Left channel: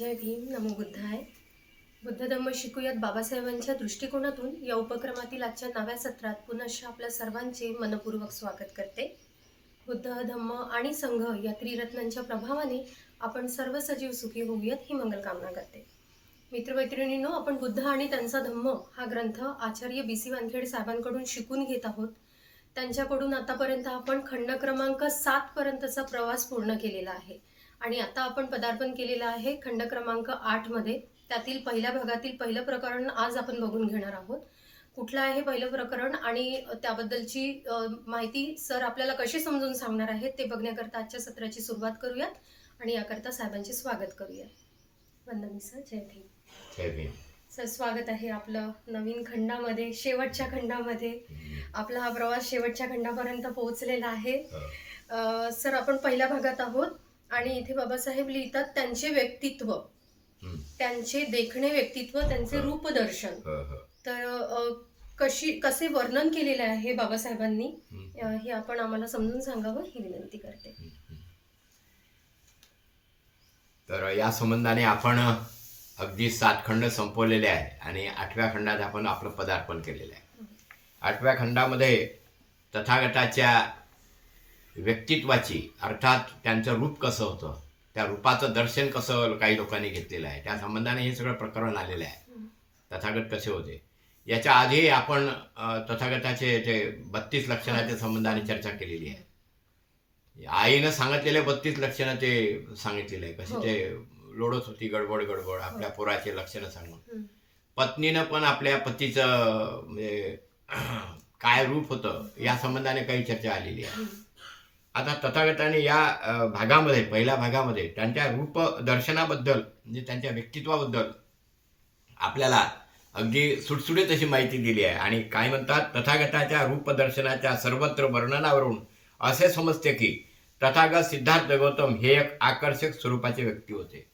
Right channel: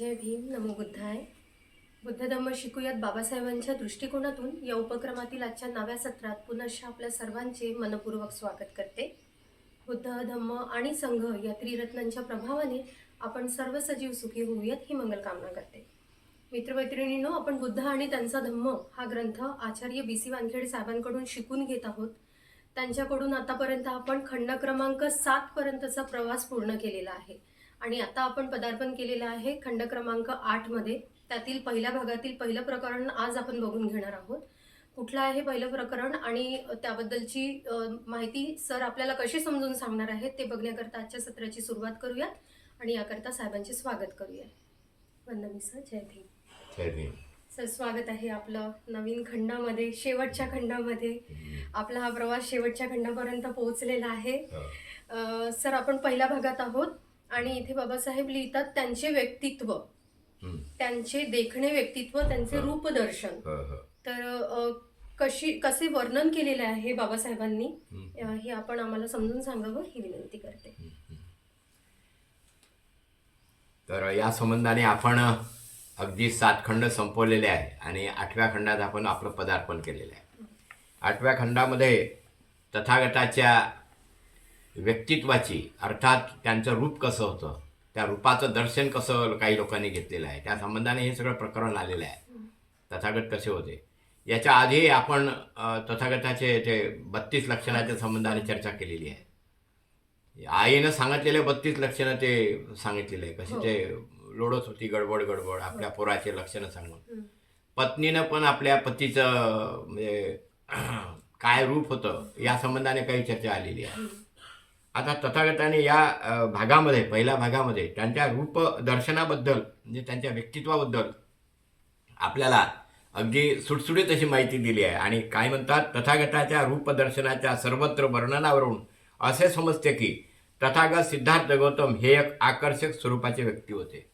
जय भीम नमो बुद्धाय. बुद्ध धम्म शिकूयात बाबासाहेबांच्या दृष्टिकोनातून. या उपक्रमातील आजच्या नव्या सत्रात पुनश्च आपल्या सर्वांचे मनपूर्वक स्वागत करते. बुद्ध धम्म आणि संघ या त्रिरत्नांच्या प्रभावाने आपण सर्व सजीव सुखी होऊयात ही मंगलकामना करते. मित्रमैत्रिणींनो आपण बुद्ध आणि त्यांचा धम्म हा ग्रंथ आचार्य बी सी वानखेडे साहेबांकडून शिकून घेत आहोत. त्यांच्याकडून आतापर्यंत आपण खंड क्रमांक सातपर्यंतचा प्रवास पूर्ण केलेला आहे. आणि आता आपण पदार्पण केलेलं आहे खंड क्रमांक आठमध्ये त्यातील पहिल्या भागातील पहिलं प्रकरण आज आपण बघून घेणार आहोत. कुठलं आहे पहिलं प्रकरण आणि त्याबद्दलची माहिती सर आपल्याला कशी समजून सांगणार आहेत ते बघण्याकरता आजच्या सत्राची सुरुवात करूयात आणि याकरता साहेबांचे स्वागत करूयात. वंदनी सर. जय भीम. जय भीम. सर स्वागत आहे आपलं नवीन खंडामध्ये शेवटच्या खंडामध्ये. आपला हा प्रवास शेवटच्या खंडापर्यंत पोहोचलेला आहे. हो. सर आपण पहिल्या भागात आहोत. आणि इथे बाबासाहेब लिहितात त्यांचे व्यक्तित्व. त्यांचे देखणे व्यक्तित्व त्यांचे. रूपदर्शन. तर कशी कसे वर्णन केलेले आहे बाबासाहेबांनी हे आपण आम्हाला समजून सांगावं ही विनंती करते तर या संबंधाने आपण अगदी सात खंड संपवलेले आहे आणि आठव्या खंडात आपण आपलं पदार्पण केलेलं आहे आठव्या खंडामध्ये तथागताच्या व्यक्तित्वाची अर्थात त्यांचं रूप कसं होतं त्या रूपाचं दर्शन कसं काही लोकांनी घेतलेलं आहे त्या संबंधाने हे सगळं प्रकरण आलेलं आहे. तथागत कसे होते? याच्या आधी आपण तथागताचे ते बत्तीस लक्षणाच्या संबंधाने चर्चा केलेली आहे. आईनं सांगितलेले बत्तीस लक्षणं ते सांगितलेले आहे. कसे हो. ते लोडत होती गडबड गडबड आपल्या पोराचे लक्षणं सांगून. पत्नीनं पण आपल्या पतीचं म्हणजे काय रूप होतं या संबंधाने काही चर्चा आलेली आहे. आता तथागताने या भागामध्ये पहिल्या भागामध्ये त्यांच्या रूपदर्शनाबद्दल म्हणजे त्यांच्या व्यक्तित्वाबद्दल आपल्याला अगदी सुटसुटीत अशी माहिती दिली आहे. आणि काय म्हणतात तथागताच्या रूपदर्शनाच्या सर्वत्र वर्णनावरून असे समजते की तथागत सिद्धार्थ गौतम हे एक आकर्षक स्वरूपाचे व्यक्ती होते.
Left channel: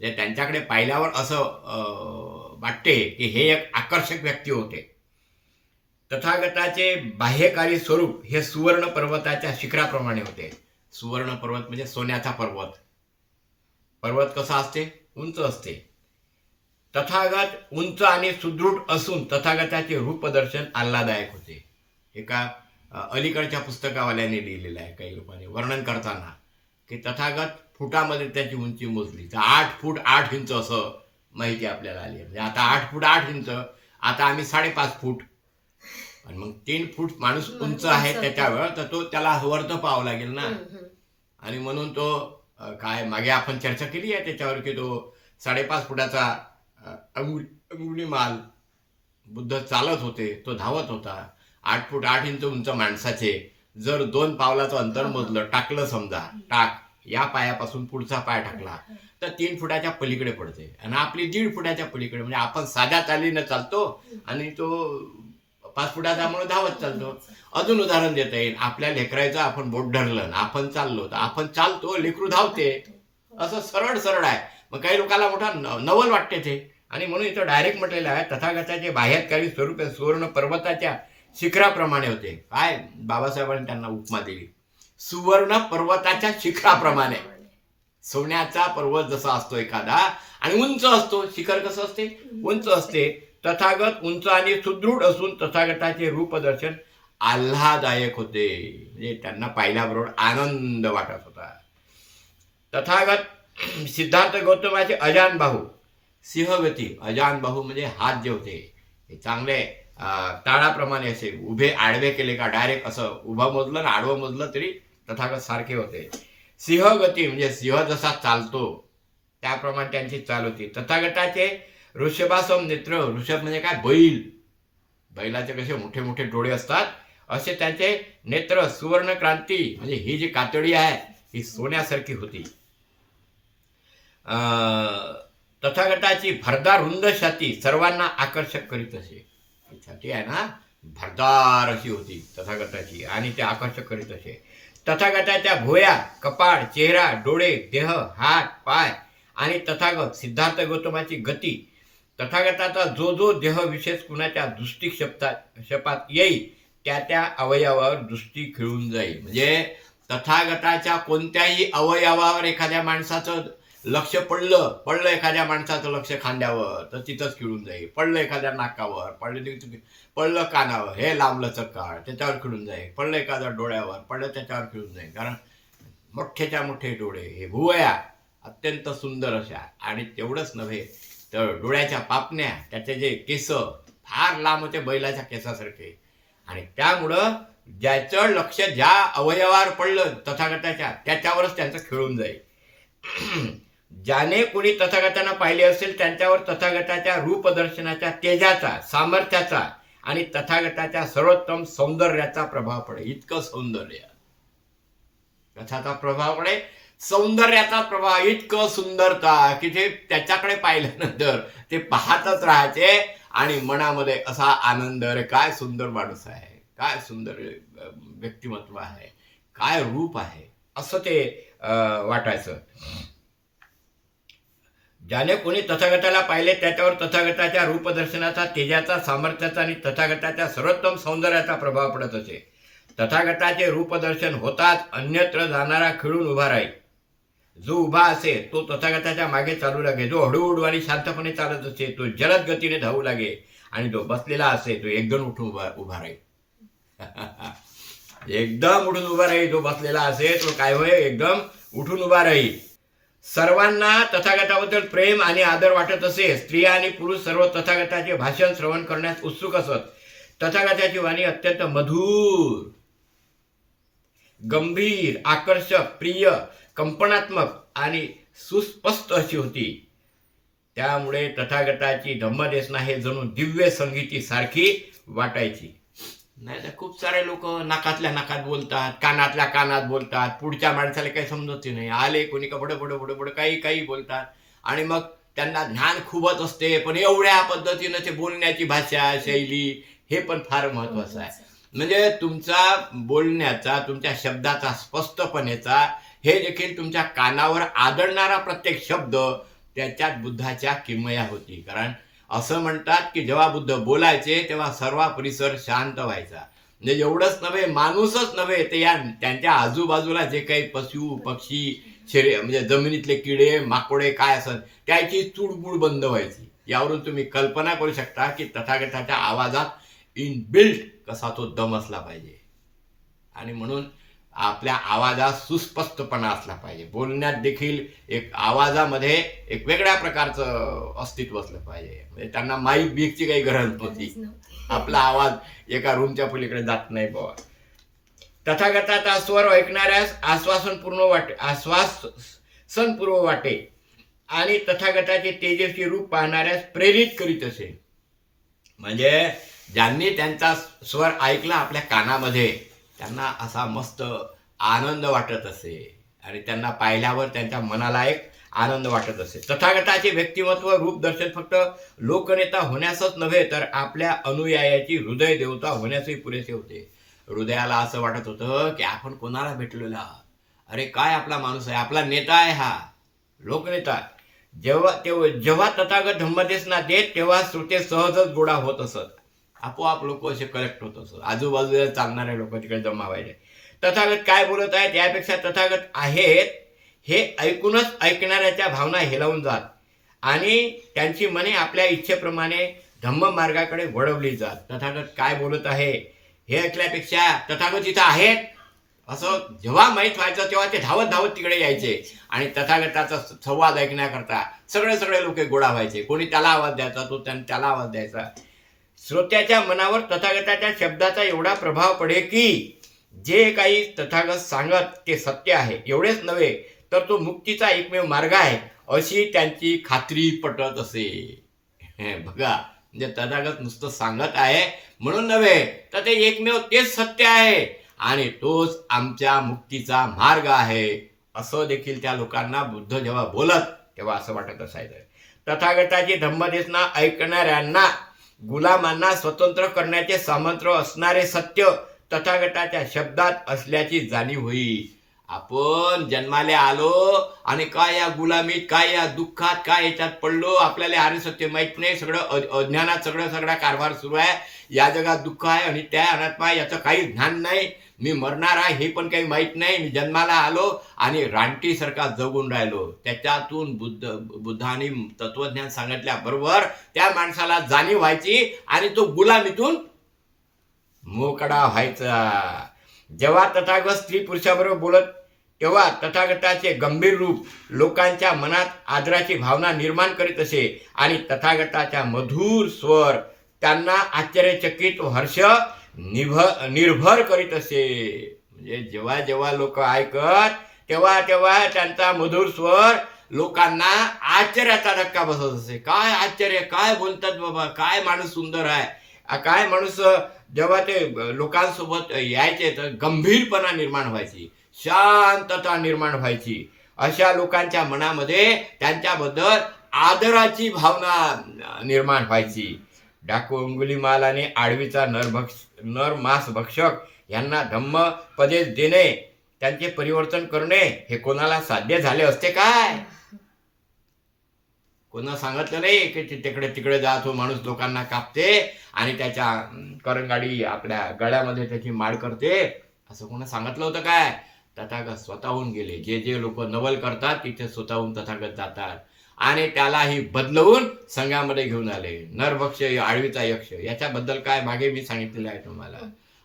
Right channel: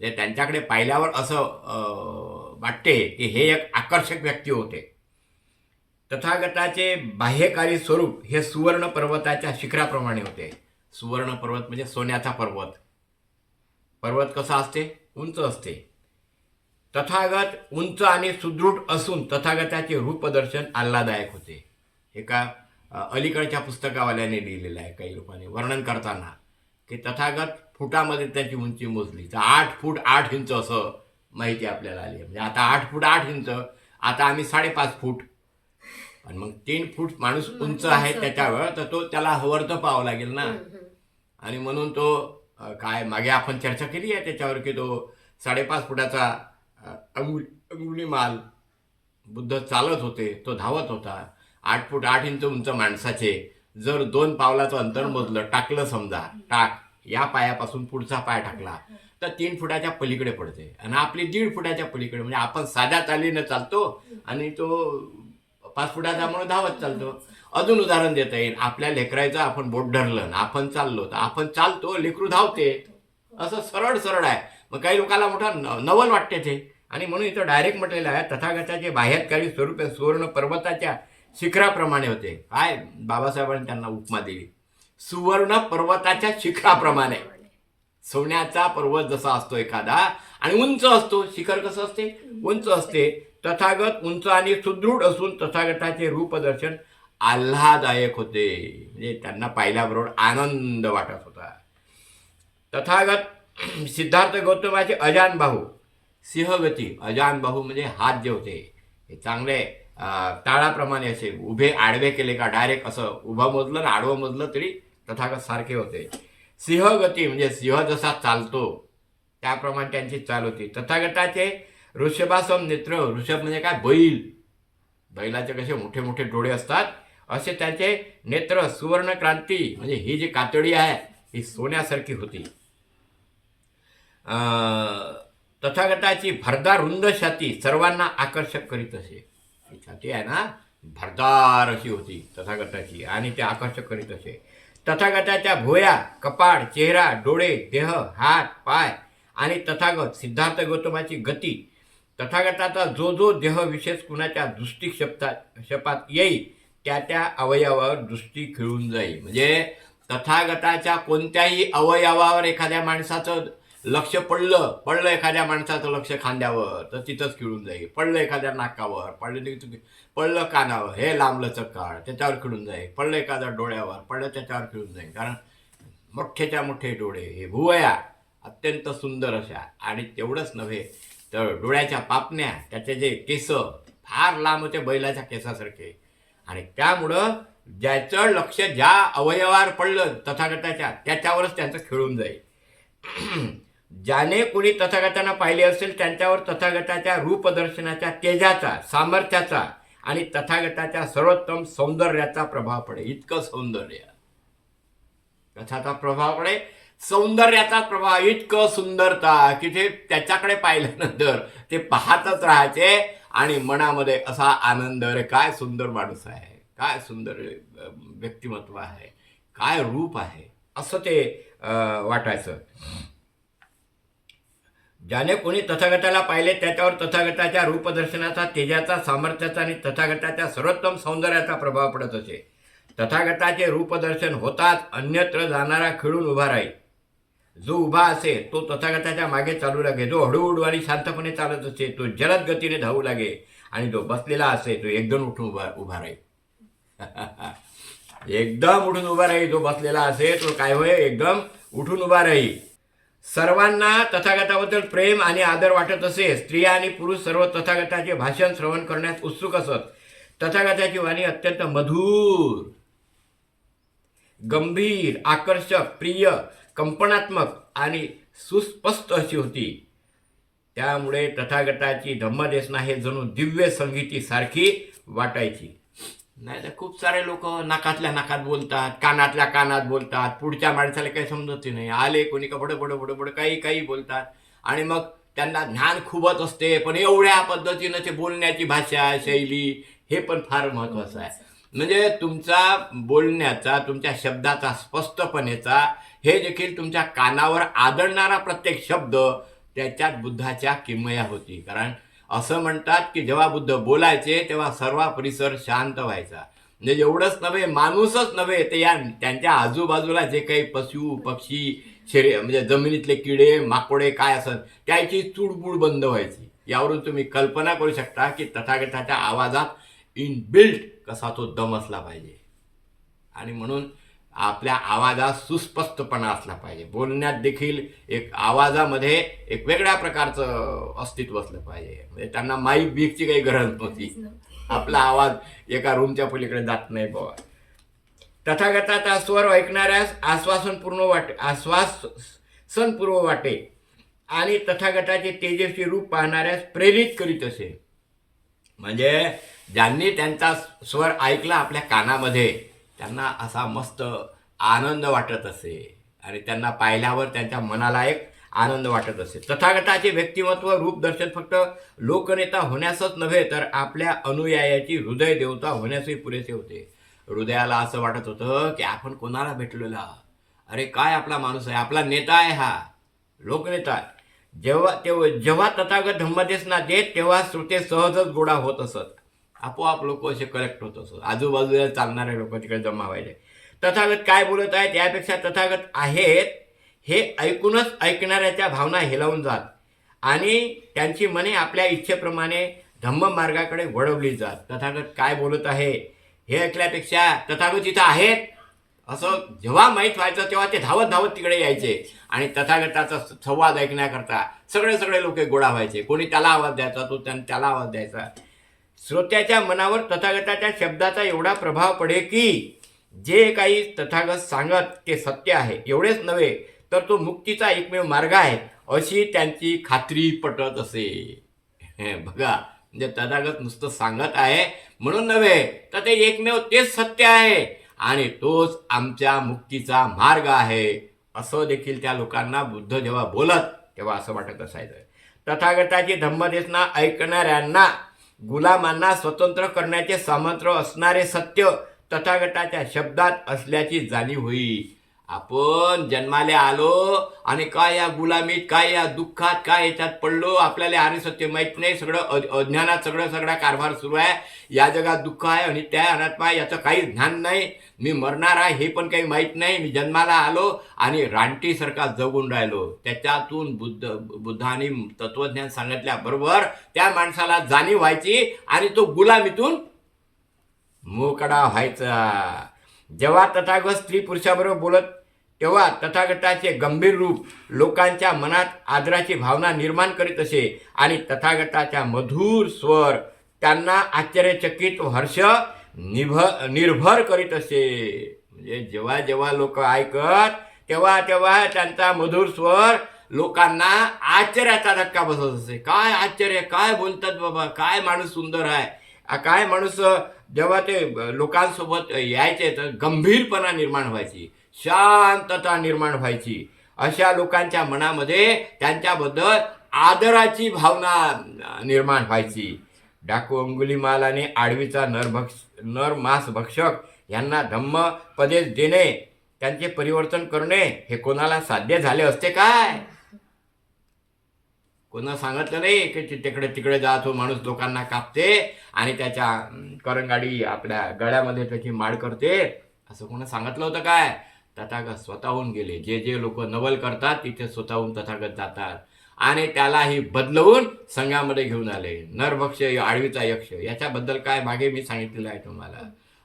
जे त्यांच्याकडे पाहिल्यावर असं वाटते की हे एक आकर्षक व्यक्ती होते. तथागताचे बाह्यकारी स्वरूप हे सुवर्ण पर्वताच्या शिखराप्रमाणे होते. सुवर्ण पर्वत म्हणजे सोन्याचा पर्वत. पर्वत कसा असते? उंच असते. तथागत उंच आणि सुदृढ असून तथागताचे रूपदर्शन आल्हादायक होते. एका अलीकडच्या पुस्तकावाल्याने लिहिलेलं आहे काही लोकांनी वर्णन करताना की तथागत फुटामध्ये त्याची उंची मोजली. तर आठ फूट आठ इंच असं माहिती आपल्याला आली आहे. म्हणजे आता आठ फूट आठ इंच आता आम्ही साडेपाच फूट आणि मग तीन फूट माणूस उंच आहे. त्याच्यावर तर तो त्याला वर तर पाहावं लागेल ना. आणि म्हणून तो काय मागे आपण चर्चा केली आहे त्याच्यावर की तो साडेपाच फुटाचा अ, अंगुल अंगुली माल बुद्ध चालत होते तो धावत होता. आठ फूट आठ इंच उंच माणसाचे जर दोन पावलाचं अंतर मोजलं टाकलं समजा टाक या पायापासून पुढचा पाय टाकला तर तीन फुटाच्या पलीकडे पडते. आणि आपली दीड फुटाच्या पलीकडे म्हणजे आपण साध्या चालीनं चालतो आणि तो पाच फुटाचा म्हणून धावत चालतो. अजून उदाहरण देता येईल. आपल्या लेकरायचं आपण बोट धरलं आपण चाललो तर आपण चालतो लेकरू धावते. असं सरळ सरळ आहे. मग काही लोकांना मोठा न- नवल वाटते ते. आणि म्हणून इथं डायरेक्ट म्हटलेलं आहे तथागताचे बाह्यकारी स्वरूप सुवर्ण पर्वताच्या शिखराप्रमाणे होते. काय? बाबासाहेबांनी त्यांना उपमा दिली. सुवर्ण पर्वताच्या शिखराप्रमाणे. सोन्याचा पर्वत जसा असतो एखादा आणि उंच असतो. शिखर कसं असते? उंच असते. तथागत उंच आणि सुदृढ असून तथागताचे रूपदर्शन आल्हादायक होते. म्हणजे त्यांना पाहिल्याबरोबर आनंद वाटत होता. तथागत सिद्धार्थ गौतमाचे अजान भाऊ सिंहगती अजान बाहू म्हणजे हात जे होते हे चांगले ताळाप्रमाणे असे उभे आडवे केले का डायरेक्ट असं उभं मोजलं ना आडवं मोजलं तरी तथागत सारखे होते. सिंहगती म्हणजे सिंह जसा चालतो त्याप्रमाणे त्यांची चाल होती. तथागताचे ऋषभासम नेत्र ऋषभ म्हणजे काय? बैल. बैलाचे कसे मोठे मोठे डोळे असतात. असे त्याचे नेत्र सुवर्ण क्रांती म्हणजे ही जी कातडी आहे ही सोन्यासारखी होती. तथागताची भरदार रुंद छाती सर्वांना आकर्षक करीत असे. ही छाती आहे ना भरदार अशी होती तथागताची आणि ते आकर्षक करीत असे. तथागताच्या भोया कपाळ चेहरा डोळे देह हात पाय आणि तथागत सिद्धार्थ गौतमाची गती तथागताचा जो जो देह विशेष कुणाच्या दृष्टी शब्दात शपात येईल त्या त्या अवयवावर दृष्टी खिळून जाईल. म्हणजे तथागताच्या कोणत्याही अवयवावर एखाद्या माणसाचं लक्ष पडलं पडलं एखाद्या माणसाचं लक्ष खांद्यावर तर तिथंच खिळून जाईल. पडलं एखाद्या नाकावर पडलं पडलं कानावर हे लांबलंचं चक्काळ त्याच्यावर खिळून जाईल. पडलं एखाद्या डोळ्यावर पडलं त्याच्यावर खिळून जाईल. कारण मोठ्याच्या मोठे डोळे हे भुवया अत्यंत सुंदर अशा आणि तेवढंच नव्हे तर डोळ्याच्या पापण्या त्याचे जे केस फार लांब होते बैलाच्या केसासारखे. आणि त्यामुळं ज्याचं लक्ष ज्या अवयवावर पडलं तथागताच्या त्याच्यावरच त्यांचं खेळून जाईल. ज्याने कोणी तथागतांना पाहिले असेल त्यांच्यावर तथागताच्या रूपदर्शनाच्या तेजाचा सामर्थ्याचा आणि तथागताच्या सर्वोत्तम सौंदर्याचा प्रभाव पडे इतकं सौंदर्य. कथाचा प्रभाव पडे सौंदर्याचा प्रभाव इतकं सुंदरता की ते त्याच्याकडे पाहिल्यानंतर ते पाहतच राहायचे आणि मनामध्ये असा आनंद अरे काय सुंदर माणूस आहे काय सुंदर व्यक्तिमत्व आहे काय रूप आहे. असं ते वाटायचं. ज्याने कोणी तथागताला पाहिले त्याच्यावर तथागताच्या रूपदर्शनाचा तेजाचा सामर्थ्याचा आणि तथागताच्या सर्वोत्तम सौंदर्याचा प्रभाव पडत असे. तथागताचे रूपदर्शन होताच अन्यत्र जाणारा खिळून उभा राहील. जो उभा असे तो तथागताच्या मागे चालू लागे. जो हळूहळू आणि शांतपणे चालत असे तो जलद गतीने धावू लागे. आणि जो बसलेला असे तो एकदम उठून उभा उभा राहील. एकदम उठून उभा राहील. जो बसलेला असे तो काय होय एकदम उठून उभा राहील. सर्वांना तथागताबद्दल प्रेम आणि आदर वाटत असे स्त्रिया आणि पुरुष सर्व तथागताचे भाषण श्रवण करण्यास उत्सुक असत. तथागताची वाणी अत्यंत मधुर गंभीर आकर्षक प्रिय कंपनात्मक आणि सुस्पष्ट अशी होती. त्यामुळे तथागताची धम्मदेसना हे जणू दिव्य संगीती सारखी वाटायची. नाही तर खूप सारे लोक नाकातल्या नाकात बोलतात कानातल्या कानात बोलतात पुढच्या माणसाला काही समजत नाही. आले कोणी का बड बड बड बड काही काही बोलतात. आणि मग त्यांना ज्ञान खूपच असते पण एवढ्या पद्धतीनं ते बोलण्याची भाषा शैली हे पण फार महत्वाचं आहे. म्हणजे तुमचा बोलण्याचा तुमच्या शब्दाचा स्पष्टपणेचा हे देखील तुमच्या कानावर आदळणारा प्रत्येक शब्द त्याच्यात बुद्धाच्या किमया होती. कारण असं म्हणतात की जेव्हा बुद्ध बोलायचे तेव्हा सर्व परिसर शांत व्हायचा. म्हणजे एवढंच नव्हे माणूसच नव्हे ते या त्यांच्या आजूबाजूला जे काही पशु पक्षी शरी म्हणजे जमिनीतले किडे माकोडे काय असत त्याची चुडबुड बंद व्हायची. यावरून तुम्ही कल्पना करू शकता की तथागताच्या आवाजात इन बिल्ट कसा तो दम असला पाहिजे. आणि म्हणून आपल्या आवाजात सुस्पष्टपणा असला पाहिजे. बोलण्यात देखील एक आवाजामध्ये एक वेगळ्या प्रकारचं अस्तित्व असलं पाहिजे. म्हणजे त्यांना माईक बीकची काही गरज नव्हती. आपला आवाज एका रूमच्या पलीकडे जात नाही बाबा तथागताचा स्वर ऐकणाऱ्यास आश्वासनपूर्ण वाटे आश्वासनपूर्व वाटे. आणि तथागताचे तेजस्वी रूप पाहणाऱ्यास प्रेरित करीत असे. म्हणजे ज्यांनी त्यांचा स्वर ऐकला आपल्या कानामध्ये त्यांना असा मस्त आनंद वाटत असे. आणि त्यांना पाहिल्यावर त्यांच्या मनाला एक आनंद वाटत असे. तथागताचे व्यक्तिमत्व रूपदर्शन फक्त लोकनेता होण्यासच नव्हे तर आपल्या अनुयायाची हृदय देवता होण्यासही पुरेसे होते. हृदयाला असं वाटत होतं की आपण कोणाला भेटलेला? अरे काय आपला माणूस आहे? आपला नेता आहे हा. लोकनेता जेव्हा तेव्हा जेव्हा तथागत धम्मदेशना देत तेव्हा श्रुते सहजच गोडा होत असत. आपोआप लोक असे कलेक्ट होत असत आजूबाजूला चालणारे लोक तिकडे जमा व्हायचे. तथागत काय बोलत आहेत यापेक्षा तथागत आहेत हे ऐकूनच ऐकणाऱ्याच्या भावना हेलावून जात. आणि त्यांची मने आपल्या इच्छेप्रमाणे धम्म मार्गाकडे वळवली जात. तथागत काय बोलत आहे हे ऐकल्यापेक्षा तथागत इथं आहेत. असं जेव्हा माहीत व्हायचं तेव्हा ते धावत धावत तिकडे यायचे. आणि तथागताचा संवाद ऐकण्याकरता सगळे सगळे लोक गोळा व्हायचे. कोणी त्याला आवाज द्यायचा तो त्यां- त्याला आवाज द्यायचा. श्रोत्याच्या मनावर तथागताच्या शब्दाचा एवढा प्रभाव पडे की जे काही तथागत सांगत ते सत्य आहे. एवढेच नव्हे तर तो मुक्तीचा एकमेव मार्ग आहे अशी त्यांची खात्री पटत असे. हे बघा म्हणजे तथागत नुसतं सांगत आहे म्हणून नव्हे तर ते एकमेव तेच सत्य आहे. आणि तोच आमच्या मुक्तीचा मार्ग आहे. असं देखील त्या लोकांना बुद्ध जेव्हा बोलत तेव्हा असं वाटत असायचं. तथागताची धम्मदेशना ऐकणाऱ्यांना गुलामांना स्वतंत्र करण्याचे सामर्थ्य असणारे सत्य तथागटाच्या शब्दात असल्याची जाणीव होईल आपण जन्माला आलो आणि काय या गुलामीत काय या दुःखात काय याच्यात पडलो आपल्याला आर्य सत्य माहीत नाही सगळं अज्ञानात सगळं सगळा कारभार सुरू आहे. या जगात दुःख आहे आणि त्या अनात्मा याचं काही ज्ञान नाही. मी मरणार आहे हे पण काही माहीत नाही. मी जन्माला आलो आणि रानटीसारखा जगून राहिलो. त्याच्यातून बुद्ध बुद्धाने तत्वज्ञान सांगितल्याबरोबर त्या माणसाला जाणीव व्हायची आणि तो गुलामीतून मोकडा व्हायचा. जेव्हा तथागत स्त्री पुरुषाबरोबर बोलत तेव्हा तथागताचे गंभीर रूप लोकांच्या मनात आदराची भावना निर्माण करीत असे आणि तथागताच्या मधुर स्वर त्यांना आश्चर्यचकित हर्ष निभ निर्भर करीत असे. म्हणजे जेव्हा जेव्हा लोक ऐकत तेव्हा तेव्हा त्यांचा मधुर स्वर लोकांना आश्चर्याचा धक्का बसत असे. काय आश्चर्य काय बोलतात बाबा काय माणूस सुंदर आहे. काय माणूस जेव्हा ते लोकांसोबत यायचे तर गंभीरपणा निर्माण व्हायची शांतता निर्माण व्हायची. अशा लोकांच्या मनामध्ये त्यांच्याबद्दल आदराची भावना निर्माण व्हायची. डाकू अंगुली आणि आडवीचा नरभक्ष नर मास भक्षक यांना धम्म पदेश देणे त्यांचे परिवर्तन करणे हे कोणाला साध्य झाले असते काय? कोणा सांगितलं नाही की तिकडे तिकडे जा तो हो, माणूस लोकांना कापते आणि त्याच्या करंगाडी आपल्या गळ्यामध्ये त्याची माळ करते? असं कोणा सांगितलं होतं काय? तथागत स्वतःहून गेले. जे जे लोक नवल करतात तिथे स्वतःहून तथागत जातात. आणि त्यालाही बदलवून संघामध्ये घेऊन आले. नरभक्ष आळवीचा यक्ष याच्याबद्दल काय मागे मी सांगितलेलं आहे तुम्हाला.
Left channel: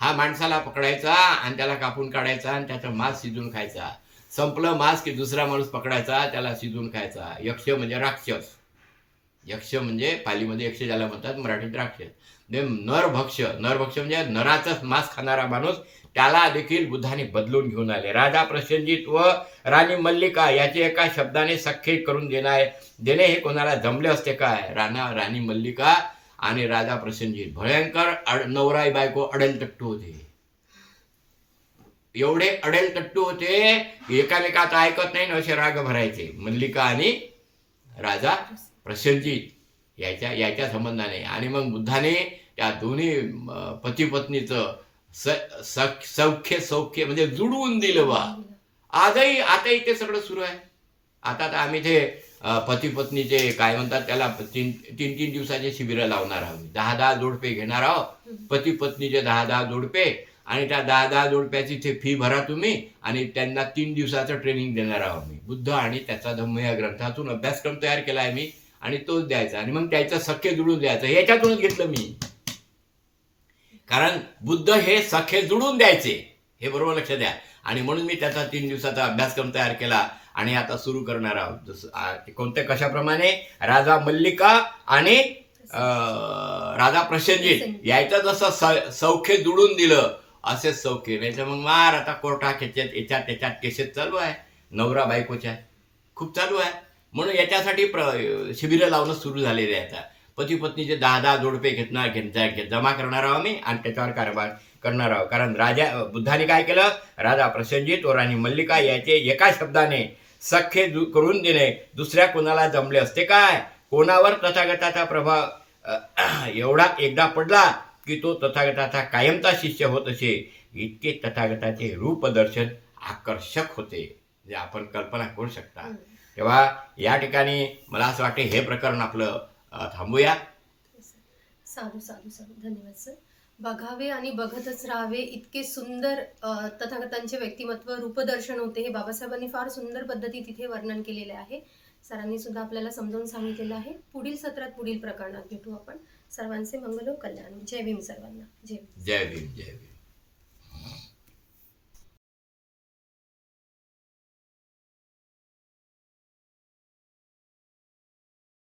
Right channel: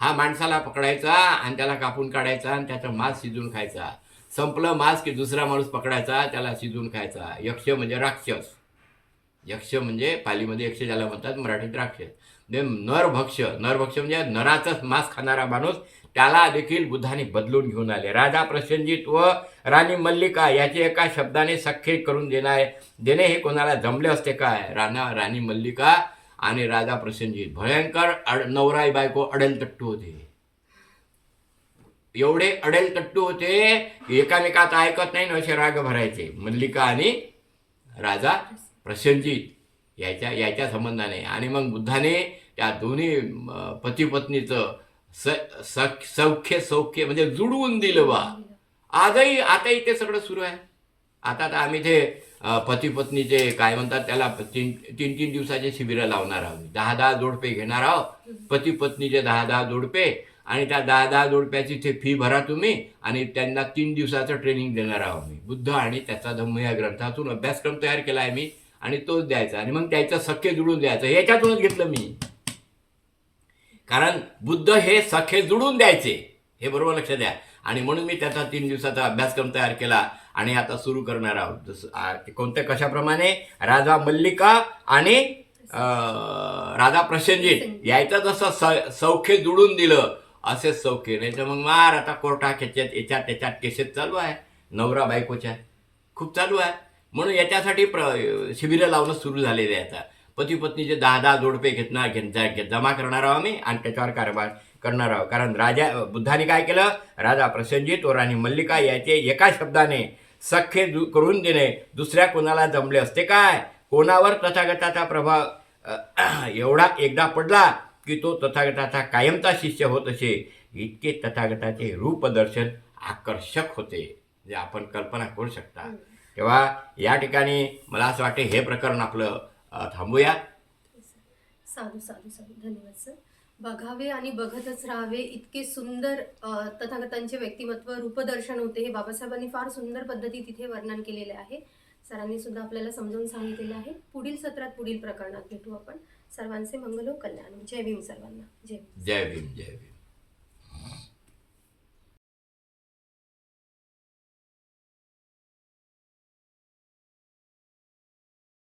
हा माणसाला पकडायचा आणि त्याला कापून काढायचा आणि त्याचा मांस शिजून खायचा. संपलं मांस की दुसरा माणूस पकडायचा त्याला शिजून खायचा. यक्ष म्हणजे राक्षस. यक्ष म्हणजे पालीमध्ये यक्ष ज्याला म्हणतात मराठीत राक्षस. नरभक्ष नरभक्ष म्हणजे नराचाच मांस खाणारा माणूस त्याला देखील बुद्धाने बदलून घेऊन आले. राजा प्रसेनजित व राणी मल्लिका याचे एका शब्दाने सख्खे करून देणार देणे हे कोणाला जमले असते काय? राणा राणी मल्लिका आणि राजा प्रसेनजित भयंकर अड नवराई बायको अडेल तट्टू होते. एवढे अडेल तट्टू होते की ऐकत नाही ना असे राग भरायचे. मल्लिका आणि राजा प्रसेनजित याच्या याच्या संबंधाने. आणि मग बुद्धाने त्या दोन्ही पती पत्नीचं सौख्य सौख्य म्हणजे जुडवून दिलं बा. आजही आताही ते सगळं सुरू आहे. आता तर आम्ही ते पती पत्नीचे काय म्हणतात त्याला तीन तीन तीन दिवसाचे शिबिरं लावणार आहोत. दहा दहा जोडपे घेणार आहोत. पती पत्नीचे दहा दहा जोडपे आणि त्या दहा दहा जोडप्याची ते फी भरा तुम्ही आणि त्यांना तीन दिवसाचं ट्रेनिंग देणार आहोत मी बुद्ध आणि त्याचा धम्म या ग्रंथातून अभ्यासक्रम तयार केला आहे मी आणि तोच द्यायचा आणि मग त्याचं सख्य जुळून द्यायचं. याच्यातूनच घेतलं मी. कारण बुद्ध हे सखे जुळून द्यायचे. हे बरोबर लक्षात द्या. आणि म्हणून मी त्याचा तीन दिवसाचा अभ्यासक्रम तयार केला आणि आता सुरू करणार आहोत. जसं कोणत्या कशाप्रमाणे? राजा मल्लिका आणि राजा प्रसेनजित यायचं जसं स- सौख्य जुळून दिलं असेच सौख्य नाही तर मग मार आता कोर्टात याच्यात याच्यात त्याच्यात केसेस चालू आहे. नवरा बायकोच्या. खूप चालू आहे. म्हणून याच्यासाठी प्र शिबिरं लावणं सुरू झालेले आहे आता. पती पत्नीचे दहा दहा जोडपे घेतणार घेत जमा करणार आहोत आम्ही आणि त्याच्यावर कारभार करणार आहोत. कारण राजा बुद्धाने काय केलं? राजा प्रसेनजित व राणी मल्लिका याचे एका शब्दाने सख्य करून देणे दुसऱ्या कोणाला जमले असते काय? कोणावर तथागताचा प्रभाव एवढा एकदा पडला की तो तथागताचा कायमचा शिष्य होत असे. इतके तथागताचे रूपदर्शन आकर्षक होते जे आपण कल्पना करू शकता. तेव्हा या ठिकाणी मला असं वाटते हे प्रकरण आपलं थांबूया. साधू साधू साधू धन्यवाद सर बघावे आणि बघतच राहावे इतके सुंदर तथागतांचे व्यक्तिमत्व रूपदर्शन होते. हे बाबासाहेबांनी फार सुंदर पद्धती तिथे वर्णन केलेले आहे. सरांनी सुद्धा आपल्याला समजावून सांगितलेलं आहे. पुढील सत्रात पुढील प्रकरणात भेटू आपण. सर्वांचे मंगल हो कल्याण जय भीम सर्वांना. जय जय भीम जय भीम.